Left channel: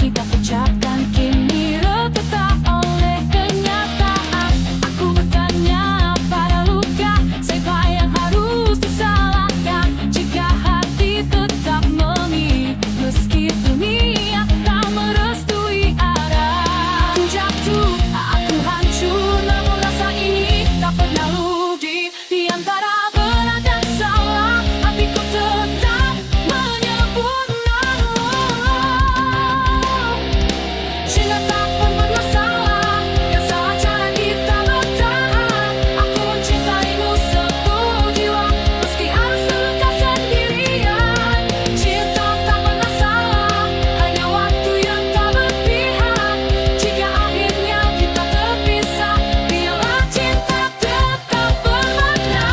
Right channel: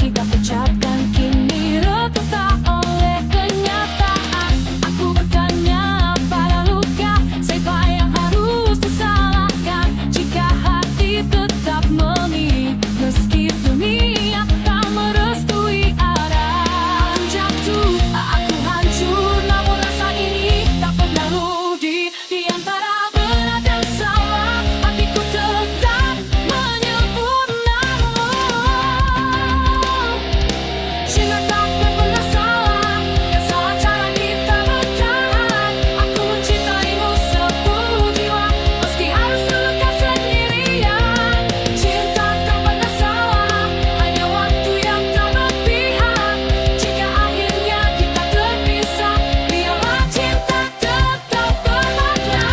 kita ucapkan kini retak oleh kenyataan. Aku bertanya pada luka, siapa yang harus disalahkan jika hati tetap mengingat meski dunia tak merestui arah. Aku jatuh, aku hancur, namun rasa ini tak pernah ludi. Di antara benar dan salah, hatiku tetap menyebut namamu. Cinta takkan pernah salah, yang salah cara kita bertahan. Aku mencintaimu sepenuh jiwa, meski harus terluka sendirian. Cinta tak pernah salah, hanya waktu yang tak berpihak. Jika akhirnya kita terpisah, biarlah cinta tetap bermakna.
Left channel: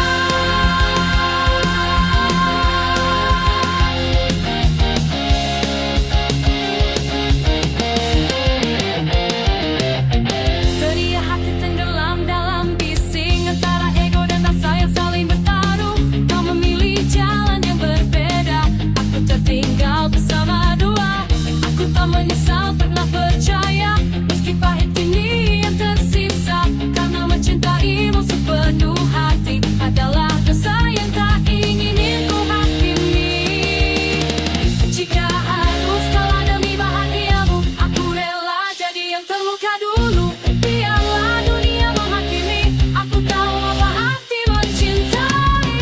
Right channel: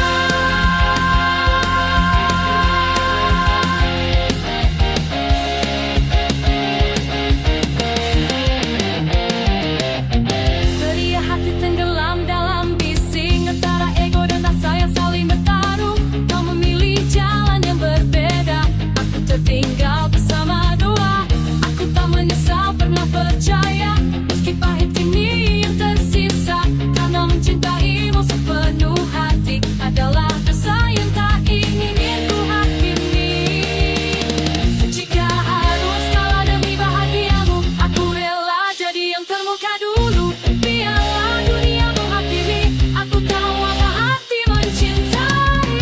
Teriak hati tenggelam dalam bising antara ego dan rasa yang saling bertaruh. Kau memilih jalan yang berbeda, aku tertinggal bersama dua. Aku tak menyesal pernah percaya, meski pahit ini yang tersisa. Karena mencintaimu sepenuh hati adalah dosa yang tak ingin ku hakimi. Jika harus kalah demi bahagiamu, aku rela jadi yang terluka dulu. Biarlah dunia menghakimi, aku tahu apa hati mencintai.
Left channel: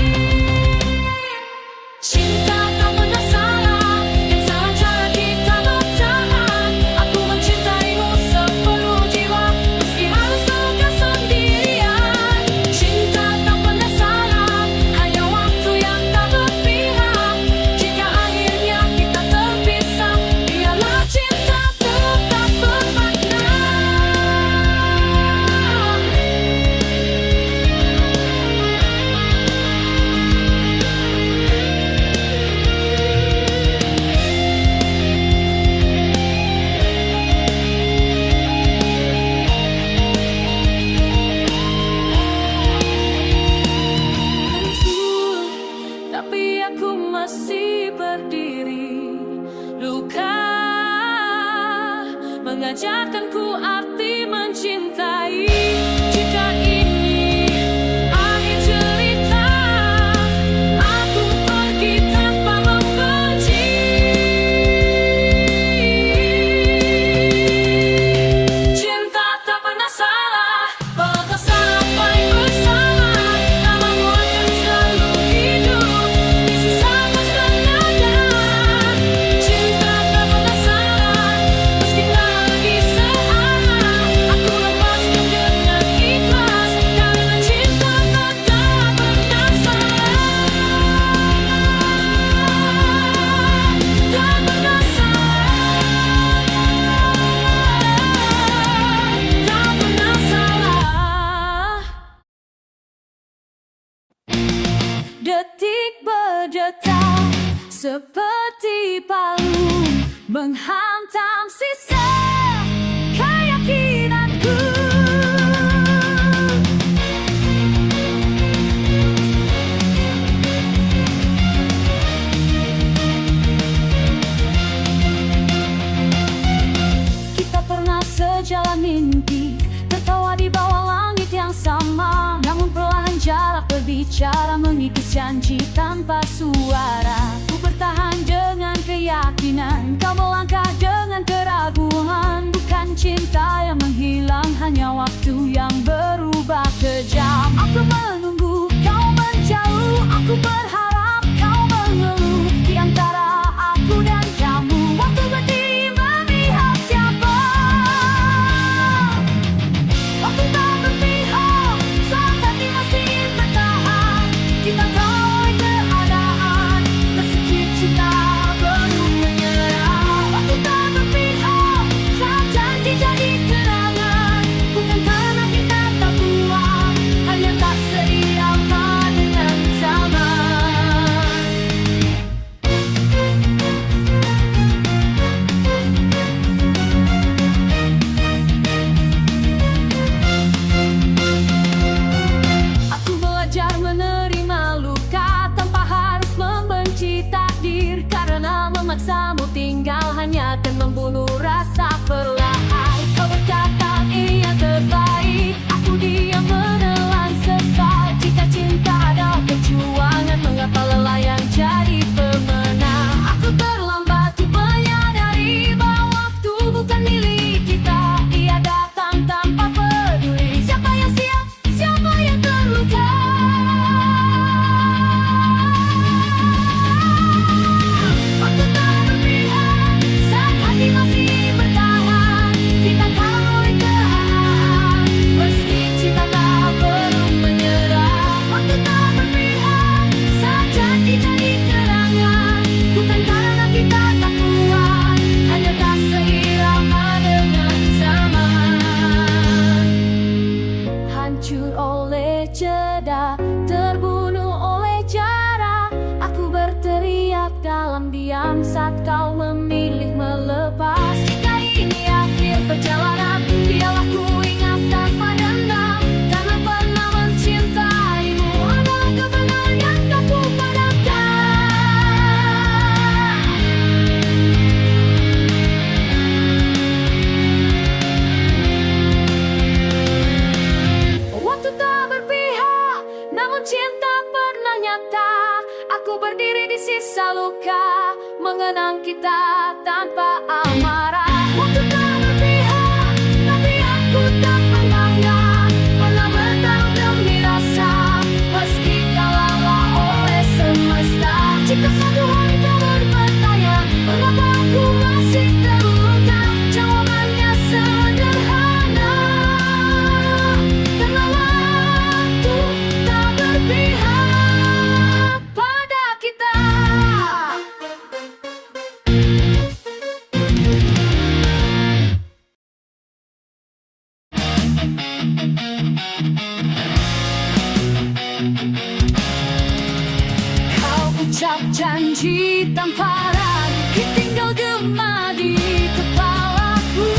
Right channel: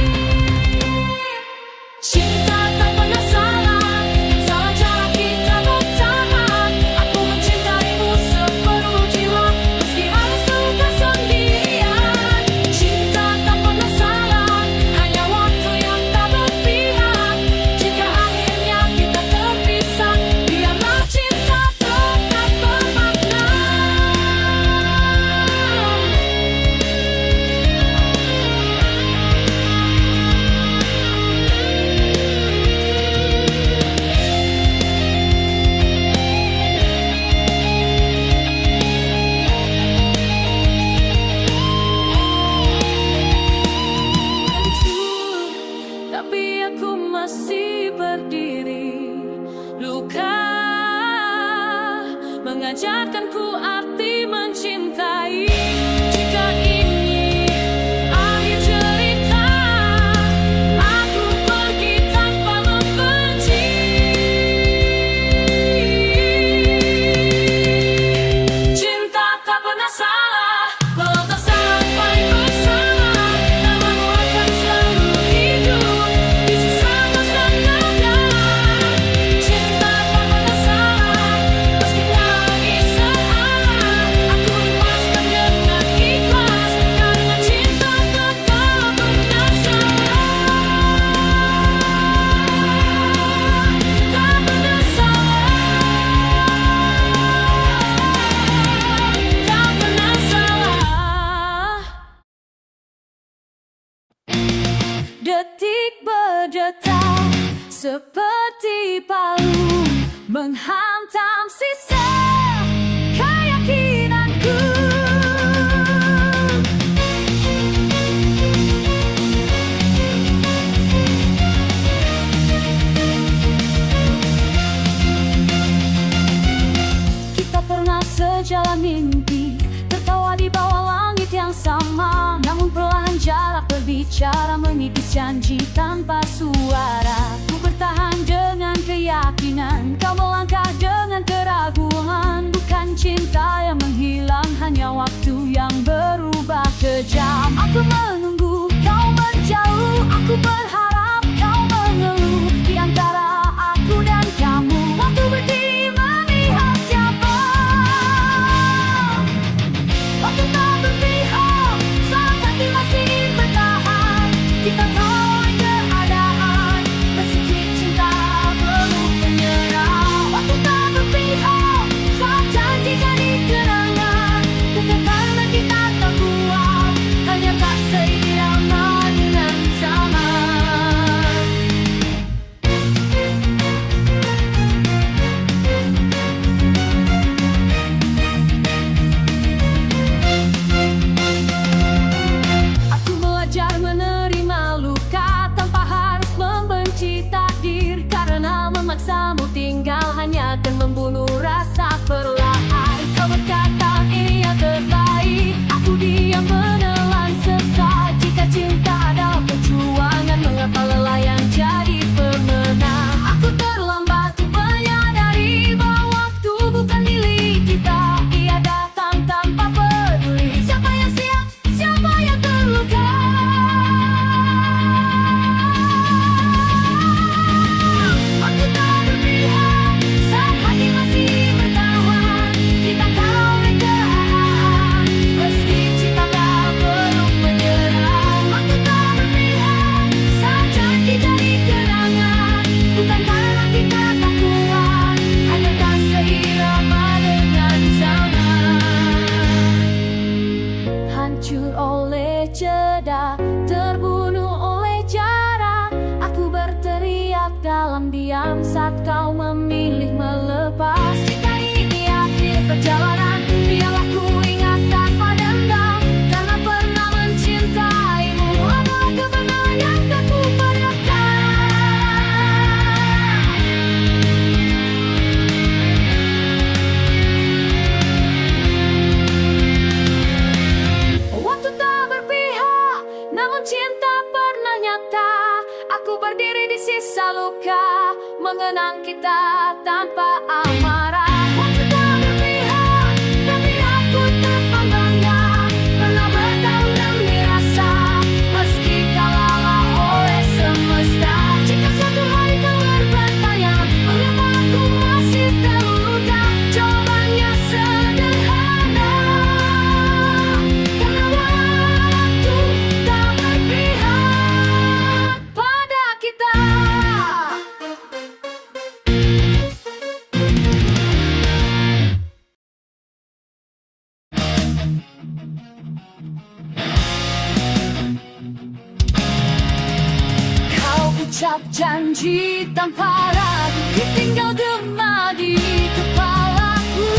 Cinta tak pernah salah, yang salah cara kita bertahan. Aku mencintaimu sepenuh jiwa, meski harus terluka sendirian. Cinta tak pernah salah, hanya waktu yang tak berpihak. Jika akhirnya kita terpisah, biarlah cinta tetap bermakna. Hancur, tapi aku masih berdiri. Luka mengajarkanku arti mencintai. Jika ini akhir cerita, aku pergi tanpa membenci. Cinta tak pernah salah, walau sampai bersama. Namamu akan selalu hidup di sisa masa depan. Cinta tak pernah salah, meski tak lagi searah. Aku lepaskan dengan ikhlas, karena cinta tetap berdasar. Tak berdasar, tak pernah salah. Detik berdetak seperti palu, menghantam sisa keyakinanku. Kita pernah sejalan mimpi, tertawa di bawah langit yang sama. Namun perlahan jarak berbicara, mengikis janji tanpa suara. Ku bertahan dengan keyakinan, kau melangkah dengan keraguan. Bukan cinta yang menghilang, hanya waktu yang berubah kejam. Aku menunggu kau menjauh, aku berharap kau mengeluh. Di antara aku dan kamu, waktu berdiri memihak siapa? Waktu tak berpihak, saat hati masih ingin bertahan. Kita tahu oleh keadaan, bersikap cinta belum menyerah. Waktu tak berpihak, saat janji jadi kenangan. Bukan karena kita tak kuat, hanya tak seiring. memaksamu tinggal hanya akan membunuh rasa perlahan. Kau berkata ini yang terbaik, aku diam menelan sesat. Jika cinta adalah perjuangan, mengapa lelah yang jadi pemenang? Aku terlambat untuk menyadari bahwa waktu bukan milik kita. Ia datang tanpa peduli siapa yang siap, siapa yang terluka. Waktu tak berpihak saat hati masih bertahan. Kita kalah oleh keadaan meski cinta tak belum menyerah. Waktu tak berpihak saat janji jadi gerangan. Bukan karena kita tak kuat, hanya tak seirama dengan zaman. Hancur oleh jeda, terbunuh oleh jarak. Aku berteriak dalam diam saat kau memilih melepas. Jika ini akhir perjalanan, biarlah ku ingat tanpa dendam. Karena pernah mencintaimu adalah kebenaran yang tak kupadakan. Waktu tak berpihak, namun cinta pernah nyata. Aku berdiri di sisa luka, mengenang kita tanpa amarah. Waktu tak berpihak, tapi aku tak bangga. Pernah bertarung demi rasa, meski kau lelah oleh semesta. Jika satu hari kau bertanya, mengapa aku masih terluka? Jawabannya sederhana, karena waktu tak berpihak pada kita. Kau ucap janji tanpa ragu, tinggal gema di kepalaku.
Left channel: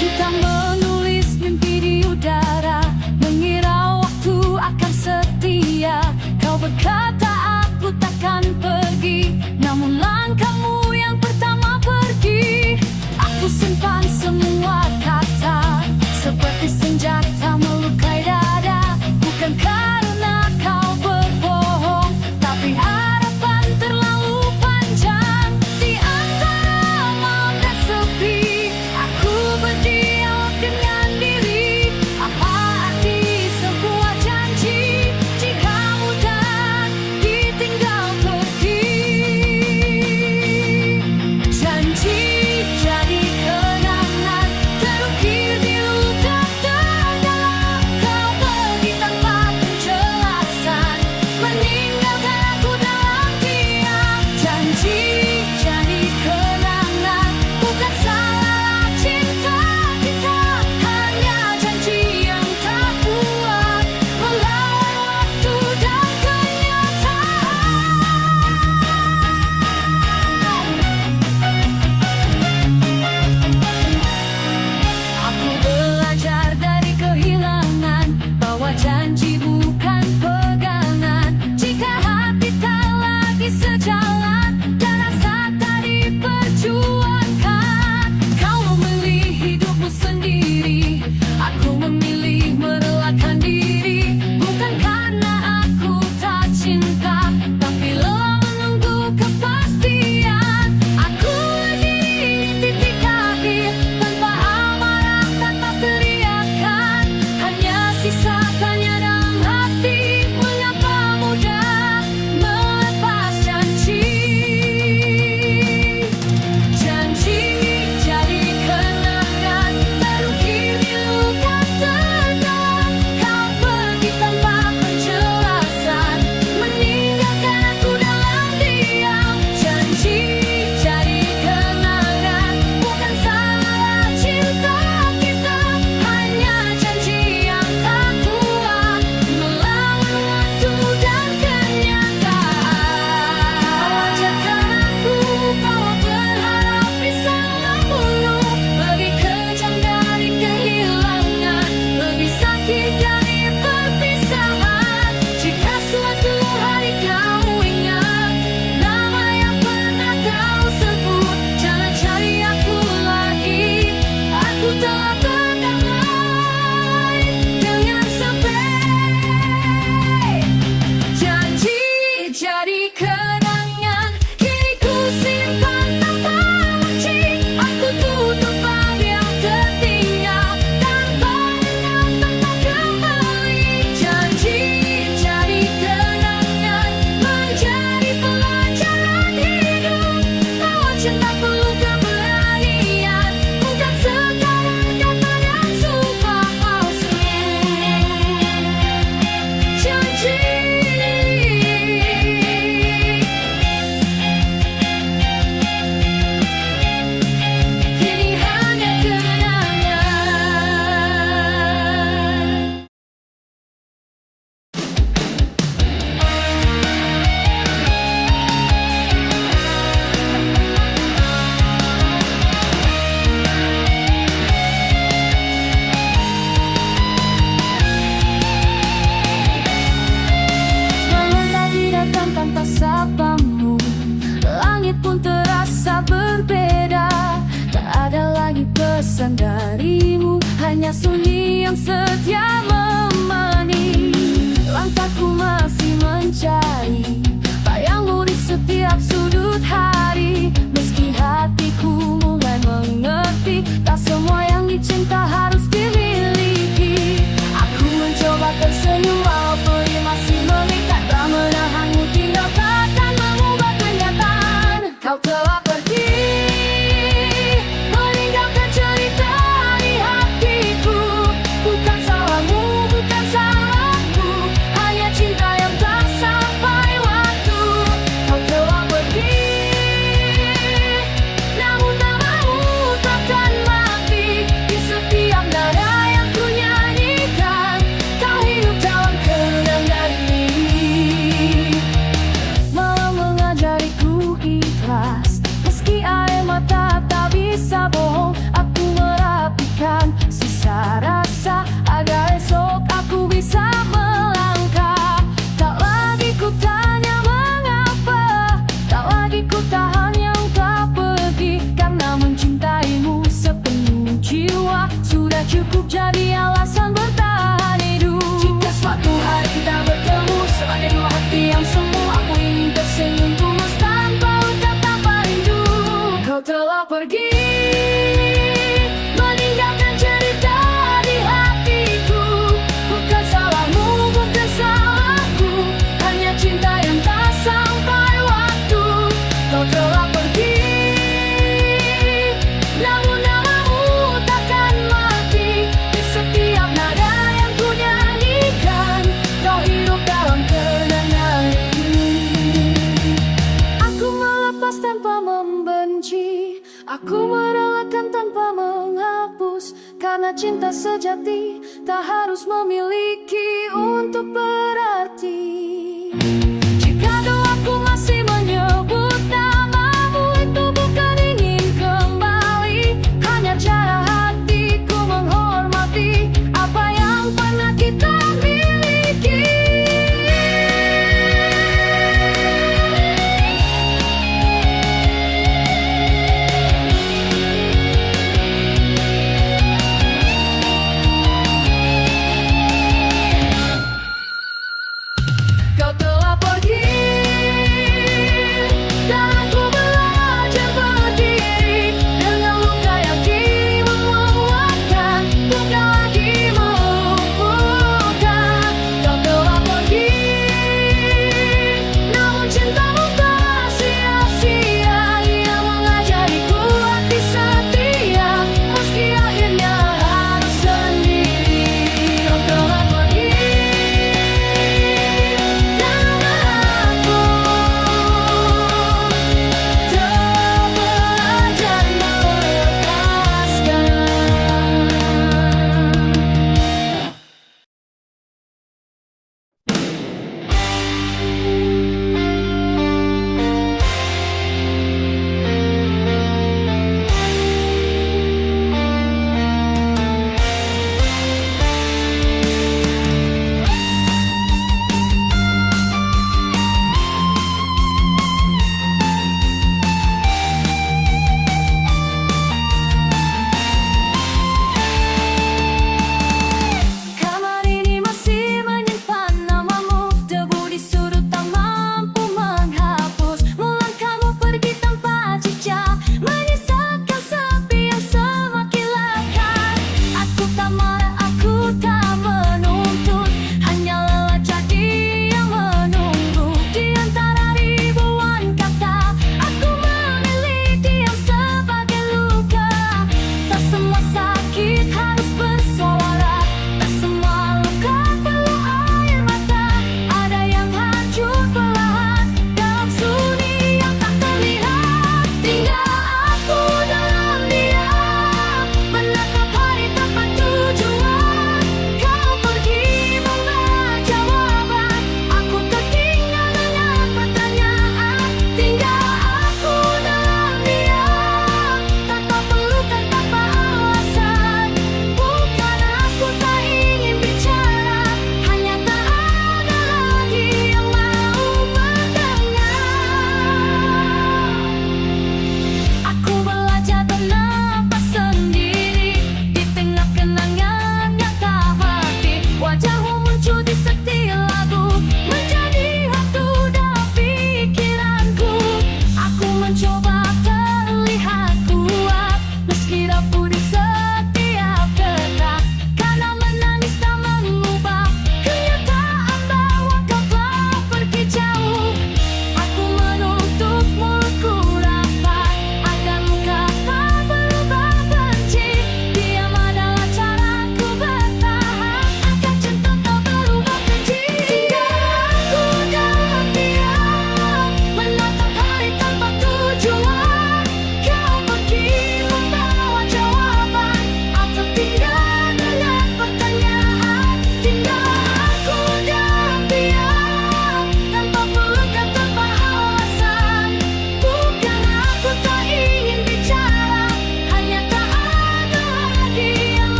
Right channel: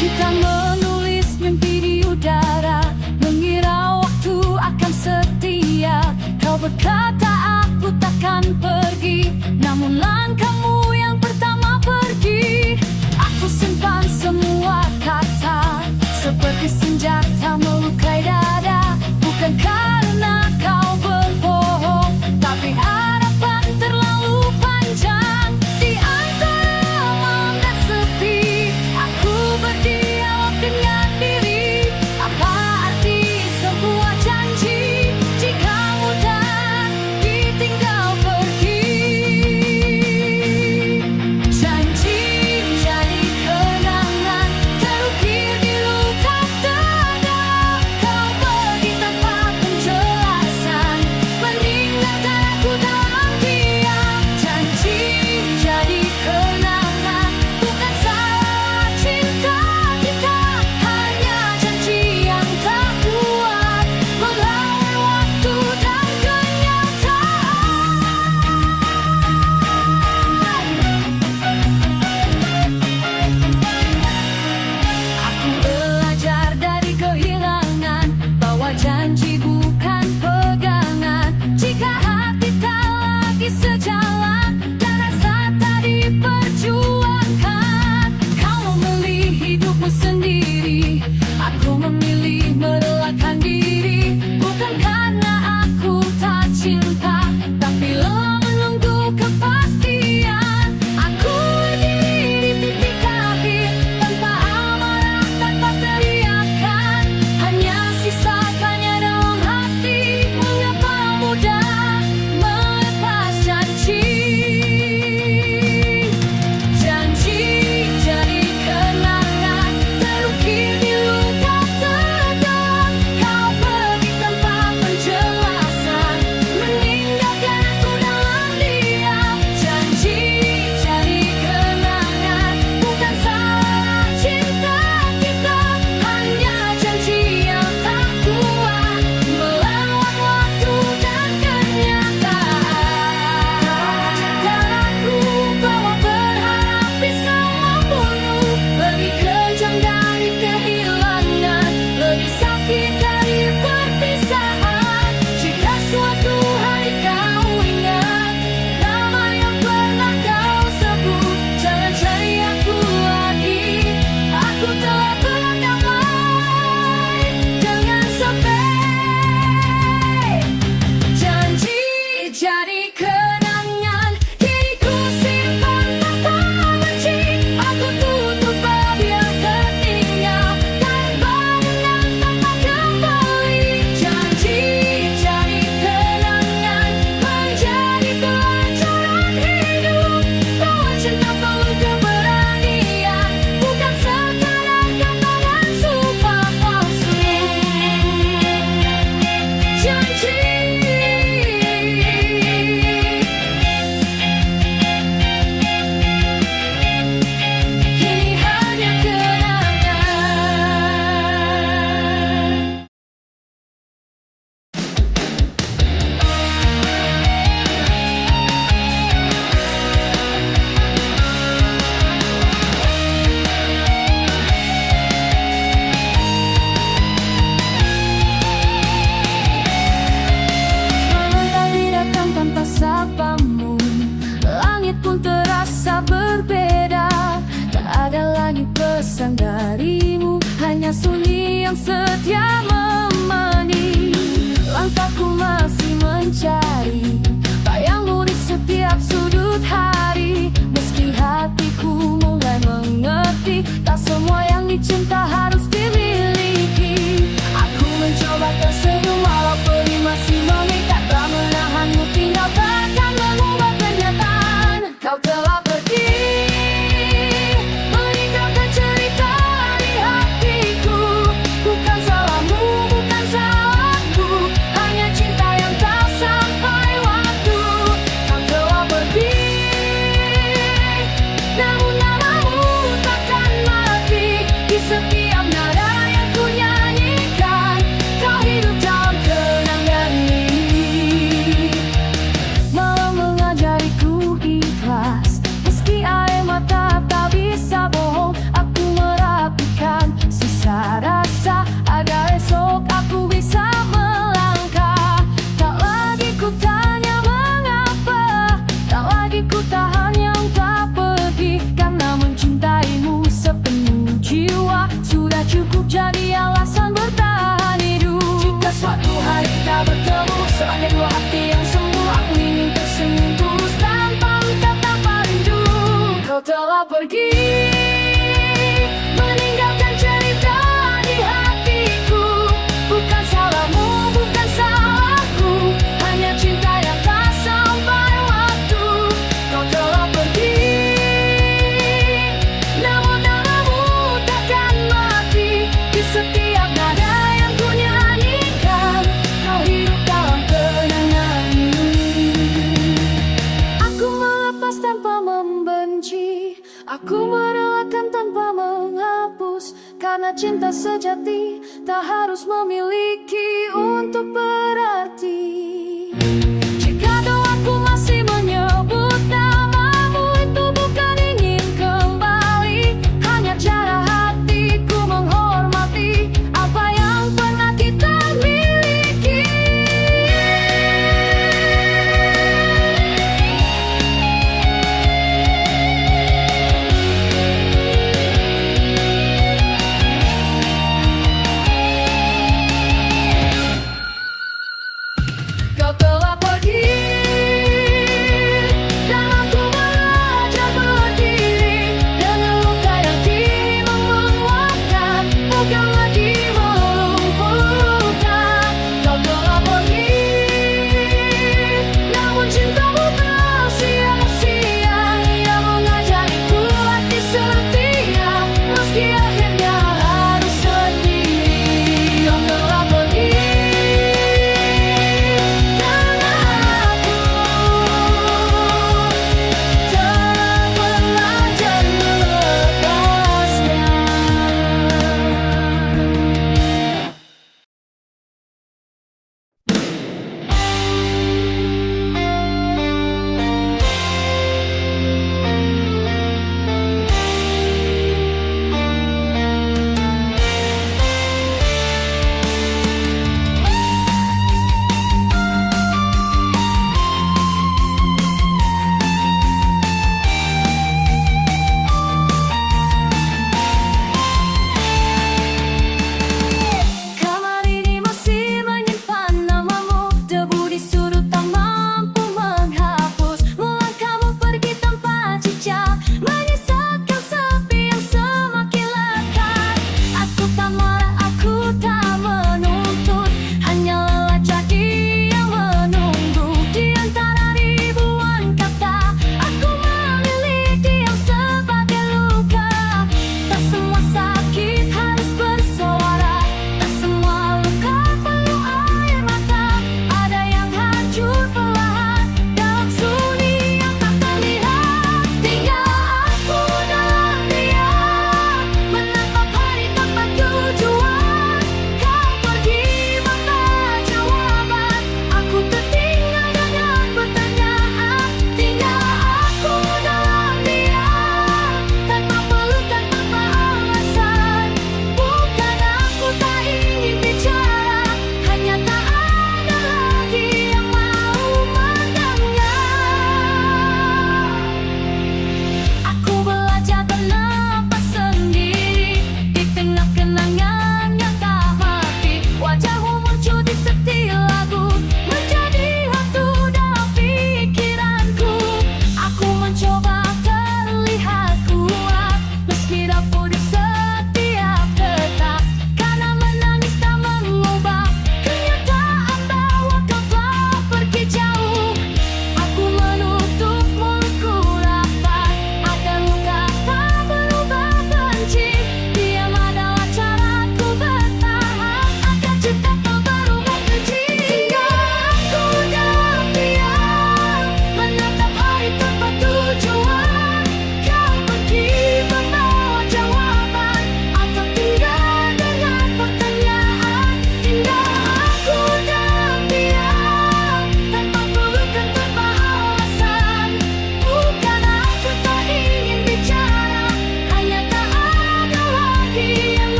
Kita menulis mimpi di udara, mengira waktu akan setia. Kau berkata aku takkan pergi, namun langkahmu yang pertama pergi. Aku simpan semua kata, seperti senjata melukai dada. Bukan karena kau berbohong, tapi harapan terlalu panjang. Di antara malam dan sepi, aku berdialog dengan diri. Apa arti sebuah janji jika mudah ditinggal pergi? Janji jadi kenangan terukir di luka terdalam. Kau pergi tanpa penjelasan. kau ingat nama yang pernah kau sebut. Jangan cari aku lagi, aku telah berdamai dengan sepi. Janji jadi kenangan, kini ku simpan tanpa benci. Aku tutup bab yang tertinggal, tanpa dendam, tanpa kembali. Janji jadi kenangan, menjadi pelajaran hidup, bahwa cinta perlu keberanian, bukan sekadar kata dan sumpah palsu. Janji kini hanya kenangan. Malam tadi datang tanpa sapamu, langit pun terasa berbeda. Tak ada lagi pesan darimu, hanya sunyi yang setia menemani. Langkahku masih mencari bayangmu di setiap sudut hari. Meski hatiku mulai mengerti, tak semua yang dicinta harus dimiliki. Aku mencoba tersenyum walau pedih masih mengikat, tak menahanmu tinggal takkan mengubah kenyataan. Kau telah pergi, meninggalkan cerita di hatiku. Bukan salahmu, bukan salahku, hanya cinta yang tak sampai waktu. Kau telah pergi, namun namamu takkan mati di setiap nada yang ku nyanyikan. Kau hidup dalam kenangan ini, malah mengajariku ikhlas. Meski air mata tak bisa bohong, aku merapikan sisa rasa agar esok aku bisa melangkah. Tak lagi ku tanya mengapa, tak lagi ku tahan yang tak pergi, karena mencintaimu sepenuh jiwa sudah cukup jadi alasan bertahan hidup. Jika suatu hari kita bertemu sebagai dua hati yang semu, aku ingin tersenyum tulus tanpa luka, tanpa rindu. Kau telah pergi, meninggalkan cerita di hatiku. Bukan salahmu, bukan salahku, hanya cinta yang tak sampai waktu. Kau telah pergi, namun namamu takkan mati di setiap nada yang ku nyanyikan. Kau hidup dalam kenangan ini. Aku melepas tanpa membenci, aku merelakan tanpa menghapus, karena cinta sejati tak harus memiliki untuk berarti. Jika doaku masih menyebut namamu, itu bukan ingin kembali, hanya cara hatiku menghormati apa yang pernah kita miliki. Kau telah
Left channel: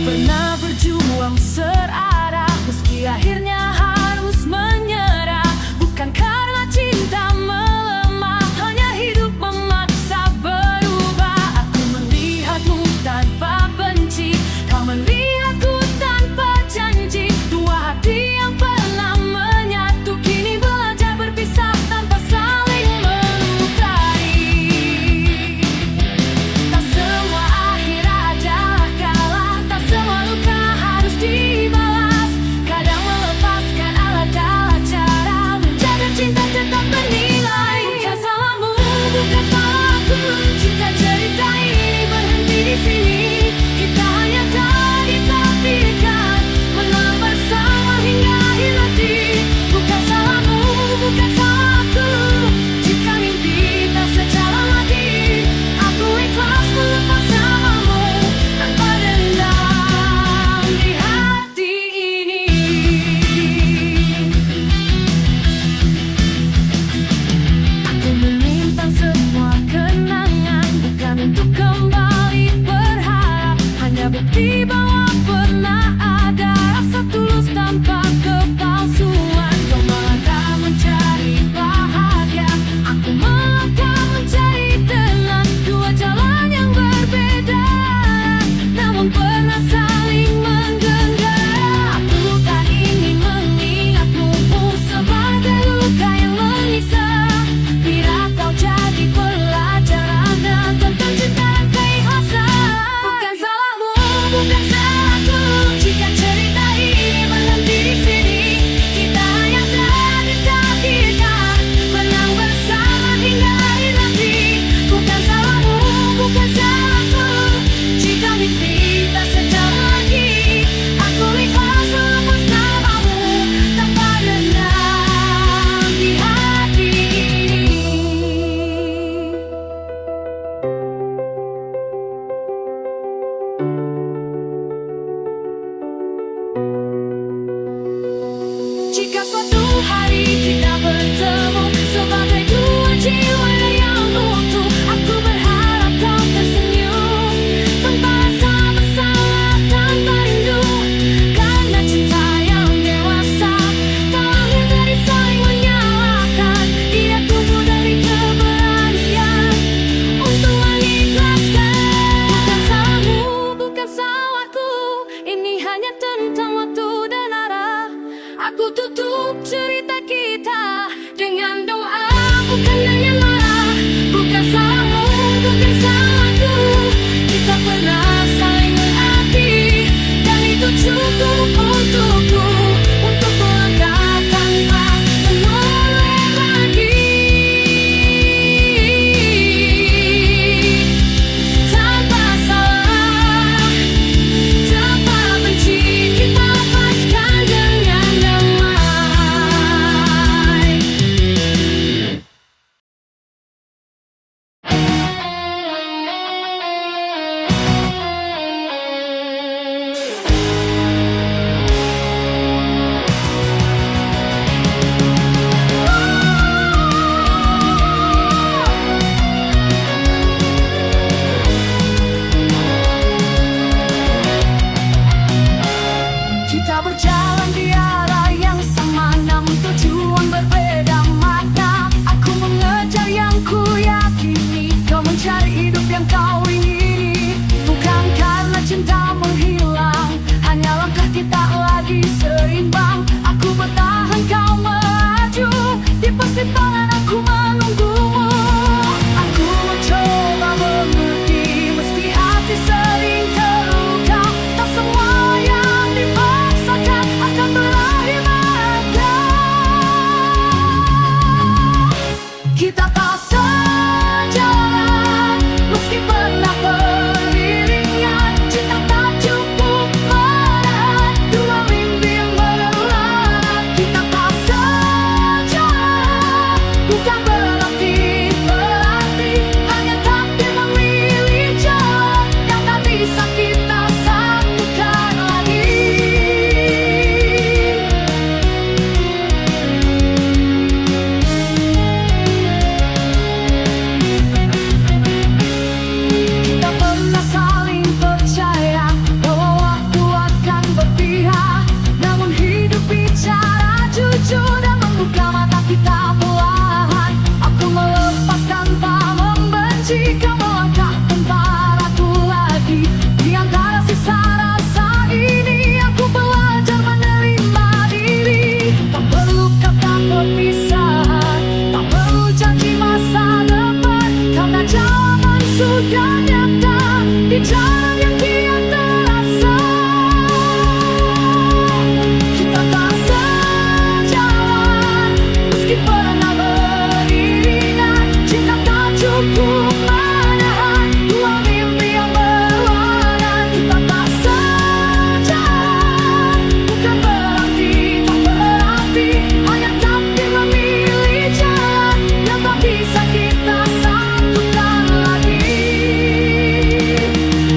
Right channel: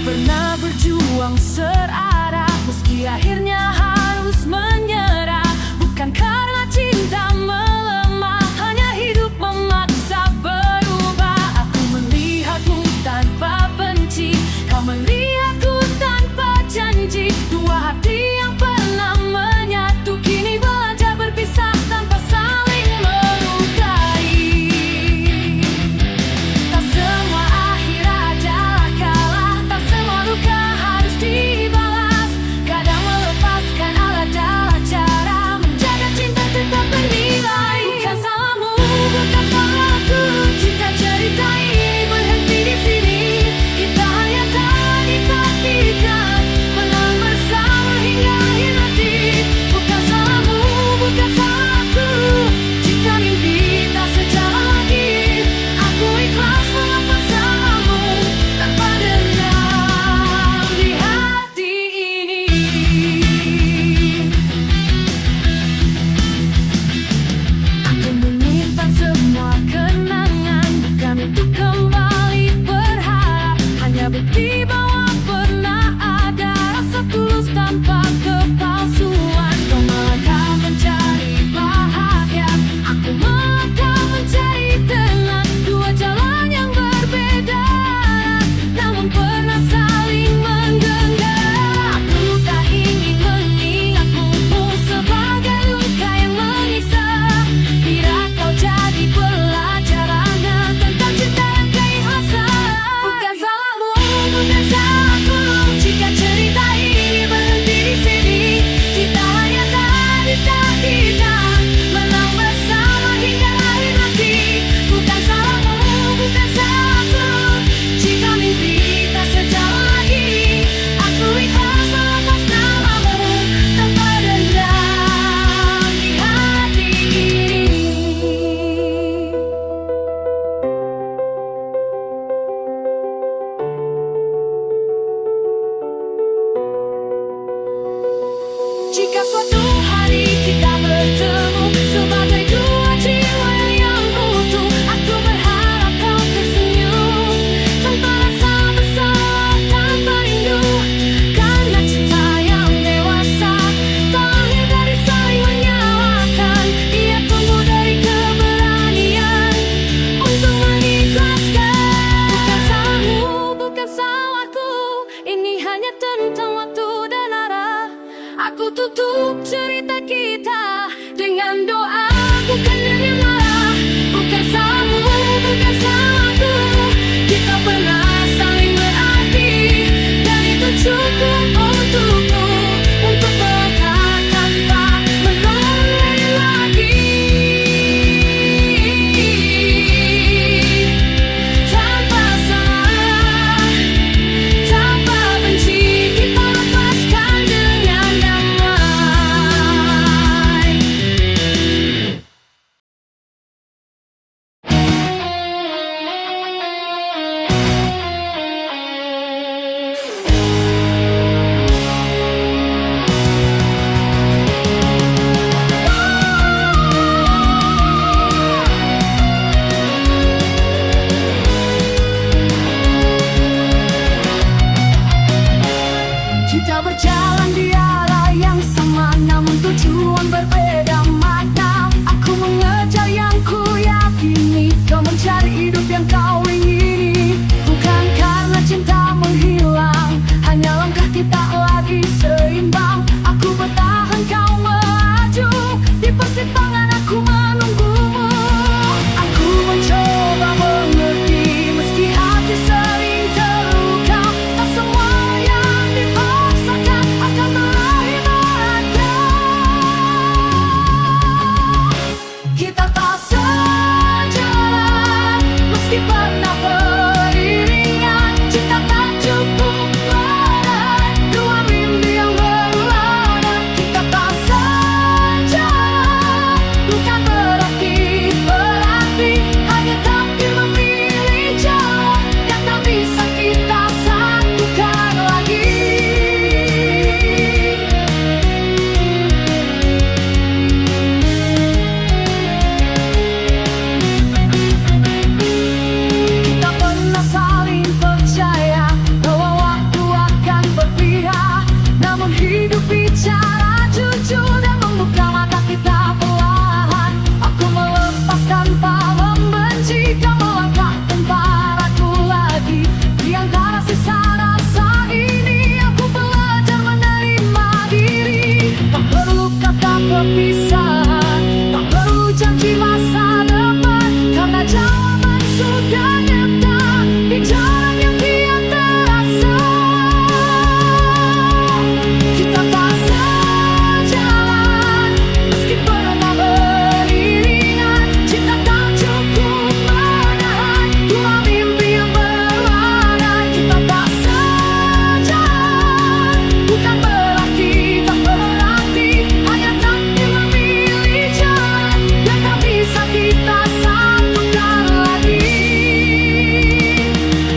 pernah berjuang serarah, meski akhirnya harus menyerah. Bukan karena cinta melemah, hanya hidup memaksa berubah. Aku melihatmu tanpa benci, kau melihatku tanpa janji. Dua hati yang pernah menyatu, kini belajar berpisah tanpa saling melukai. Tak semua akhir adalah kalah, tak semua luka harus dibalas. Kadang melepaskan adalah cara menjaga cinta tetap bernilai. Bukan salahmu, bukan salahku, jika cerita ini berhenti di sini. Kita hanya tak ditakdirkan menang bersama hingga akhir nanti. Bukan salahmu, bukan salahku, jika mimpi tak sejalan lagi. Aku ikhlas melepas namamu tanpa dendam di hati ini. Aku menyimpan semua kenangan, bukan untuk kembali berharap, hanya bukti bahwa pernah ada rasa tulus tanpa kepalsuan. Kau melangkah mencari bahagia, aku melangkah mencari tenang. Dua jalan yang berbeda, namun pernah saling menggenggam. Aku tak ingin mengingatmu sebagai luka yang menyiksa. Bila kau jadi pelajaran tentang cinta dan keikhlasan. Bukan salahmu, bukan salahku, jika cerita ini berhenti di sini. Kita hanya tak ditakdirkan menang bersama hingga akhir nanti. Bukan salahmu, bukan salahku, jika mimpi tak sejalan lagi. Aku ikhlas melepas namamu tanpa dendam di hati ini. Jika suatu hari kita bertemu sebagai dua jiwa yang utuh, aku berharap kau tersenyum tanpa rasa bersalah, tanpa rindu. Karena cinta yang dewasa tak lahir dari saling menyalahkan, ia tumbuh dari keberanian untuk mengikhlaskan. Bukan salahmu, bukan salahku, ini hanya tentang waktu dan arah. Aku tutup cerita kita dengan doa, bukan dengan marah. Bukan salahmu, bukan salahku, kita pernah saling berarti, dan itu cukup untukku untuk melangkah tanpa menoleh lagi. Tanpa salah, tanpa benci, kita lepaskan dengan damai. Kita berjalan di arah yang sama, namun tujuan berbeda makna. Aku mengejar yang ku yakini, kau mencari hidup yang kau ingini. Bukan karena cinta menghilang, hanya langkah kita lagi seimbang. Aku bertahan, kau melaju, di persimpangan aku menunggumu. Aku mencoba mengerti, meski hati sering terluka. Tak semua yang dipaksakan akan berakhir bahagia. Kita tak sejalan, meski pernah beriringan. Cinta tak cukup berat, dua mimpi yang berlawanan. Kita tak sejalan, meski pernah beriringan. Cinta tak cukup menahan dua mimpi yang berlawanan. Kita tak sejalan, bukan berarti tak berarti, hanya takdir memilih jalan yang tak bisa kita satukan lagi.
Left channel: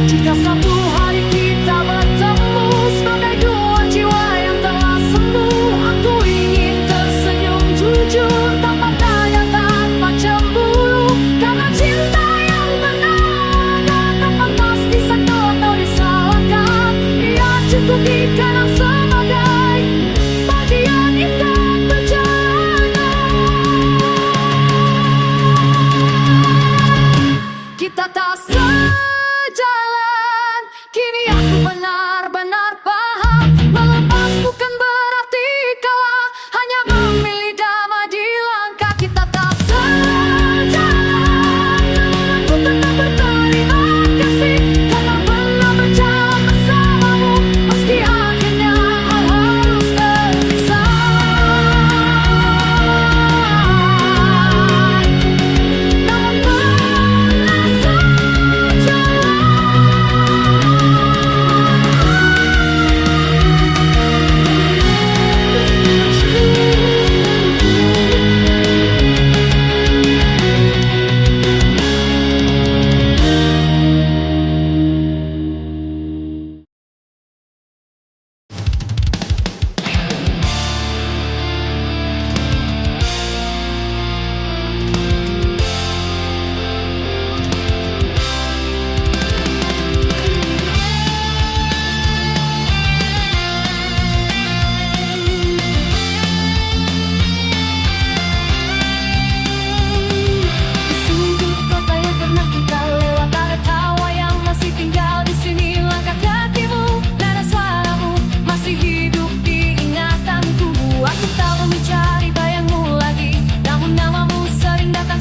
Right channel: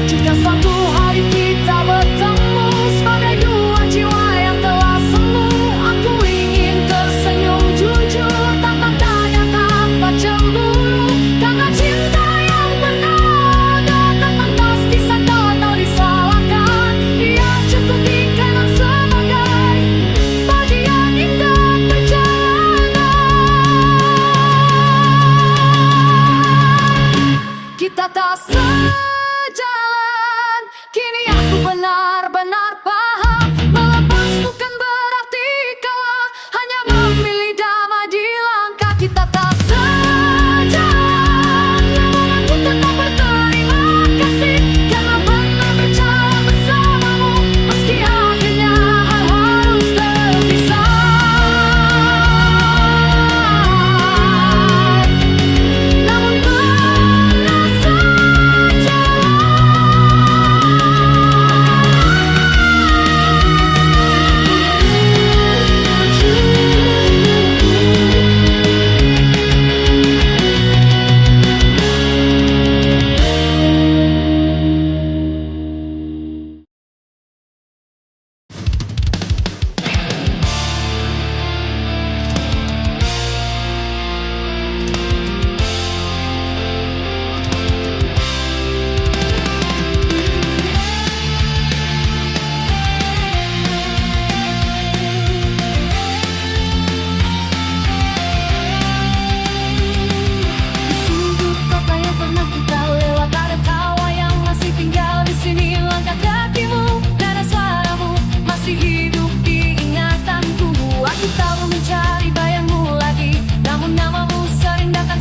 Jika suatu hari kita bertemu sebagai dua jiwa yang telah semu, aku ingin tersenyum jujur tanpa tanya, tanpa cemburu, karena cinta yang pernah tak pantas disangkal atau disalahkan. Dia cukup dikenang sebagai bagian indah perjalanan. Kita tak sejalan, kini aku benar-benar paham. Melepas bukan berarti kalah, hanya memilih damai di langkah. Kita tak sejalan, namun aku tetap berterima kasih karena pernah berjalan bersamamu, meski akhirnya harus terpisah. Namun pernah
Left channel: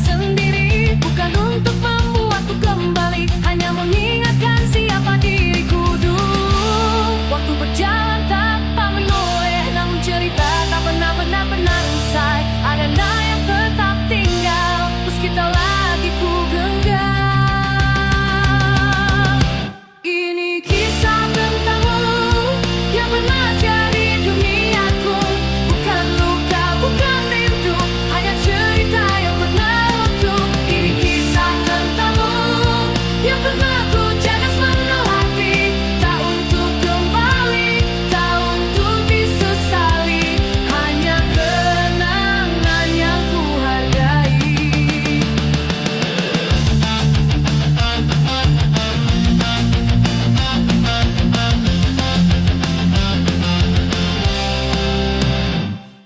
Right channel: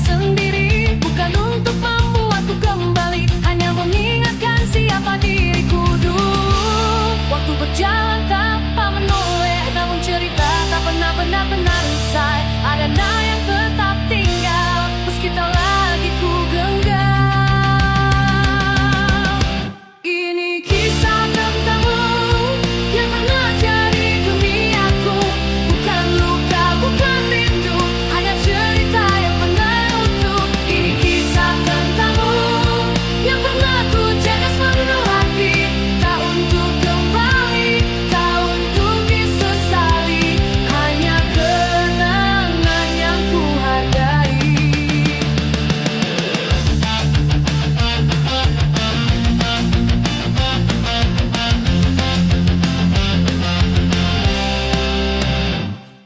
sendiri, bukan untuk membuatku kembali, hanya mengingatkan siapa diriku dulu. Waktu berjalan tanpa menoleh, namun cerita tak pernah benar-benar usai. Ada yang tetap tinggal, meski tak lagi ku genggam. Ini kisah tentangmu yang pernah jadi duniaku, bukan luka, bukan rindu, hanya cerita yang pernah.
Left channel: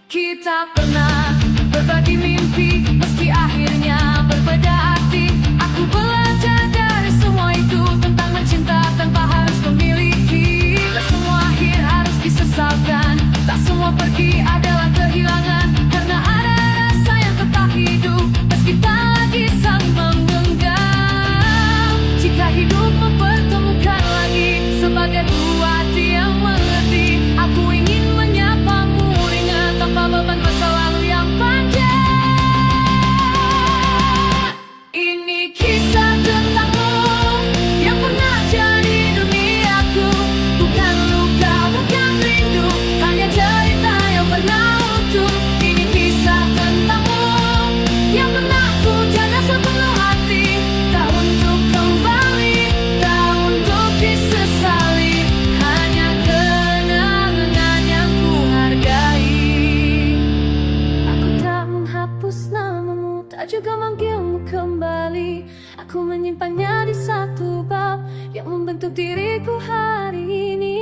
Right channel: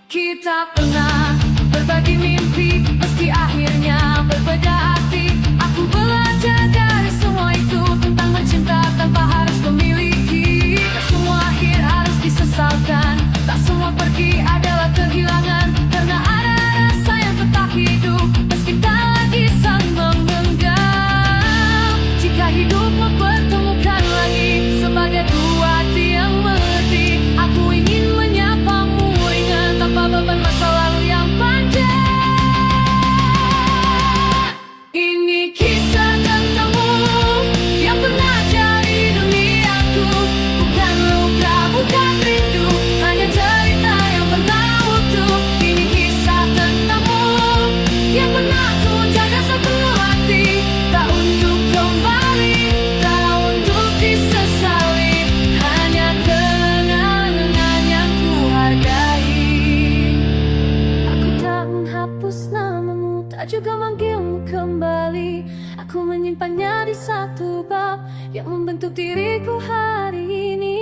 Kita pernah berbagi mimpi, meski akhirnya berbeda arti. Aku belajar dari semua itu, tentang mencinta tanpa harus memiliki. Tak semua akhir harus disesalkan, tak semua pergi adalah kehilangan, karena ada rasa yang tetap hidup, meski tak lagi saling menggenggam. Jika hidup mempertemukan lagi sebagai dua hati yang mengerti, aku ingin menyapamu ringan tanpa beban masa lalu yang panjang. Ini kisah tentangmu yang pernah jadi duniaku, bukan luka, bukan rindu, hanya cerita yang pernah utuh. Ini kisah tentangmu yang pernah ku jaga sepenuh hati, tak untuk kembali, tak untuk disesali, hanya kenangan yang ku hargai. Aku tak menghapus namamu, tak juga manggilmu kembali. Aku menyimpannya di satu bab yang membentuk diriku hari ini.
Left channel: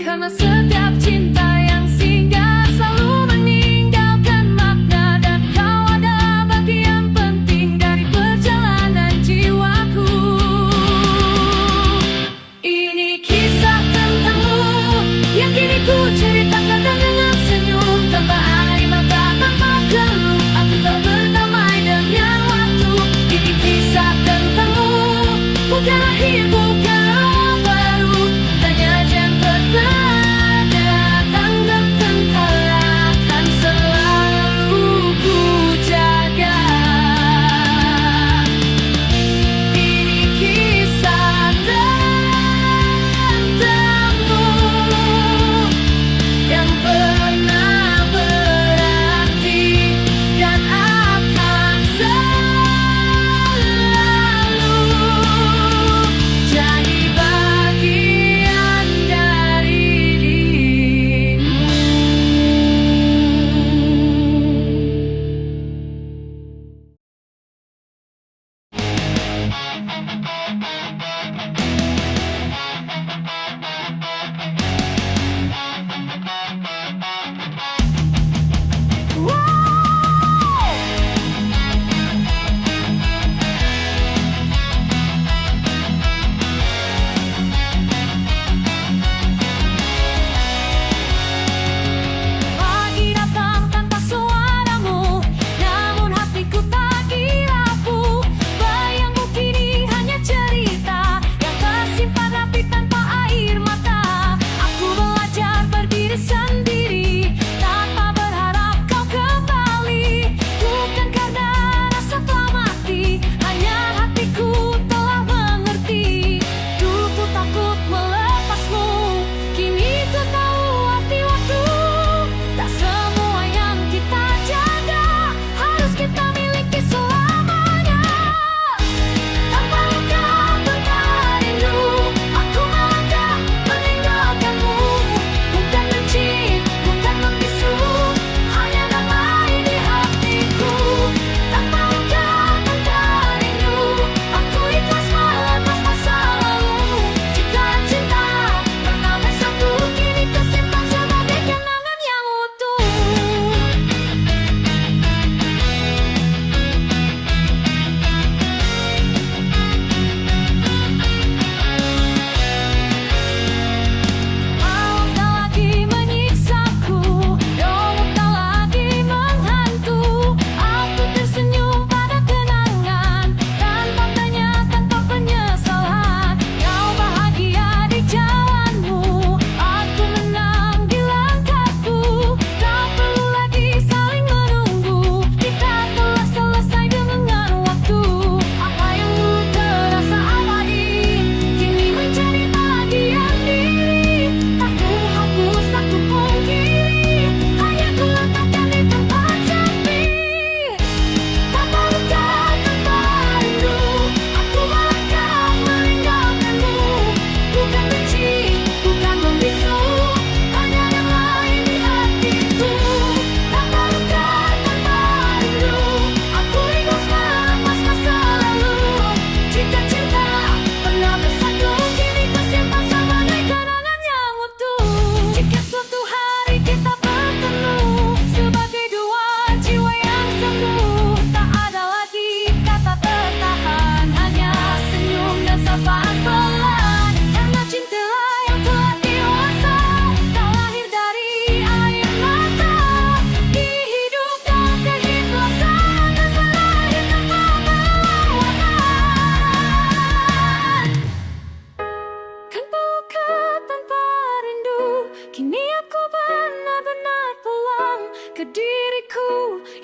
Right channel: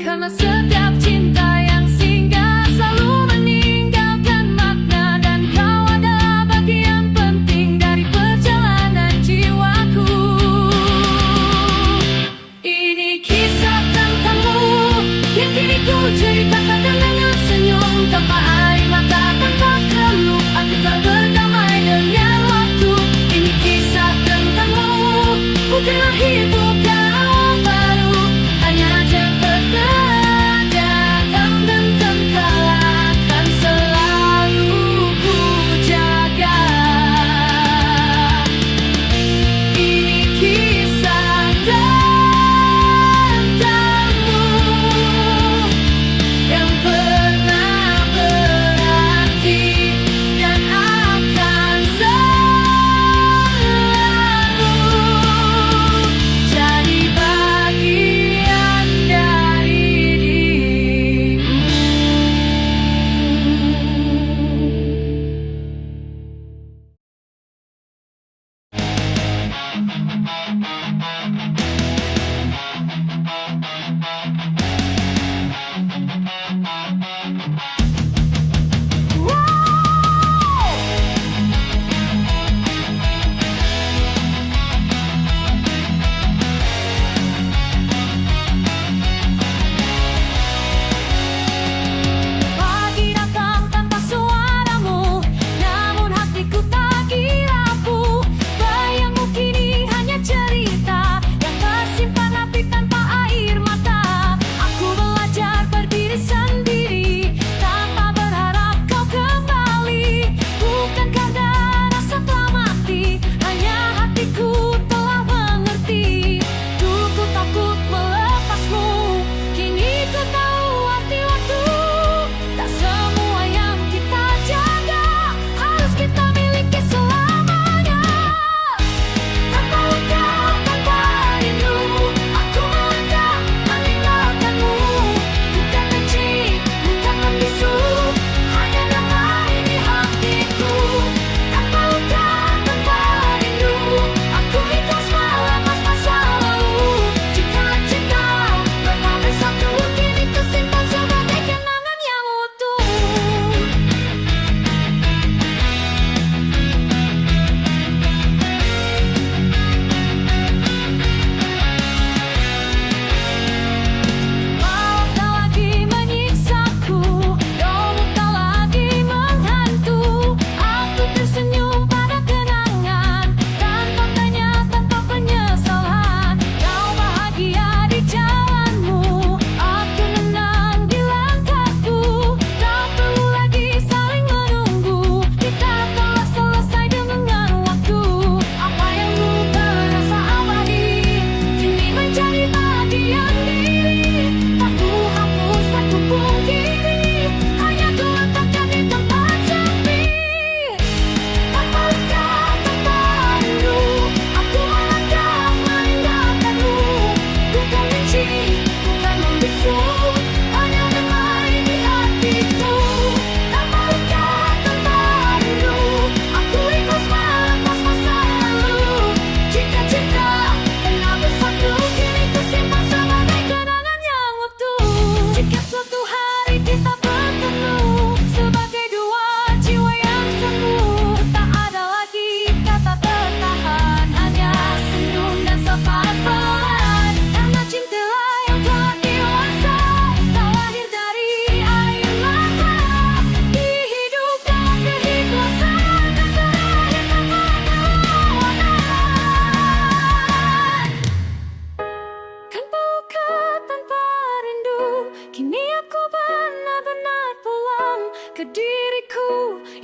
Karena setiap cinta yang singgah selalu meninggalkan makna, dan kau ada bagian penting dari perjalanan jiwaku. Ini kisah tentangmu yang kini ku ceritakan dengan senyum, tanpa air mata, tanpa keluh. Aku tak berdamai dengan waktu. Ini kisah tentangmu, bukan akhir, bukan awal baru, hanya yang datang dan tenggelam.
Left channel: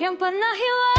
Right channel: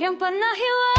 yang pernah hilang.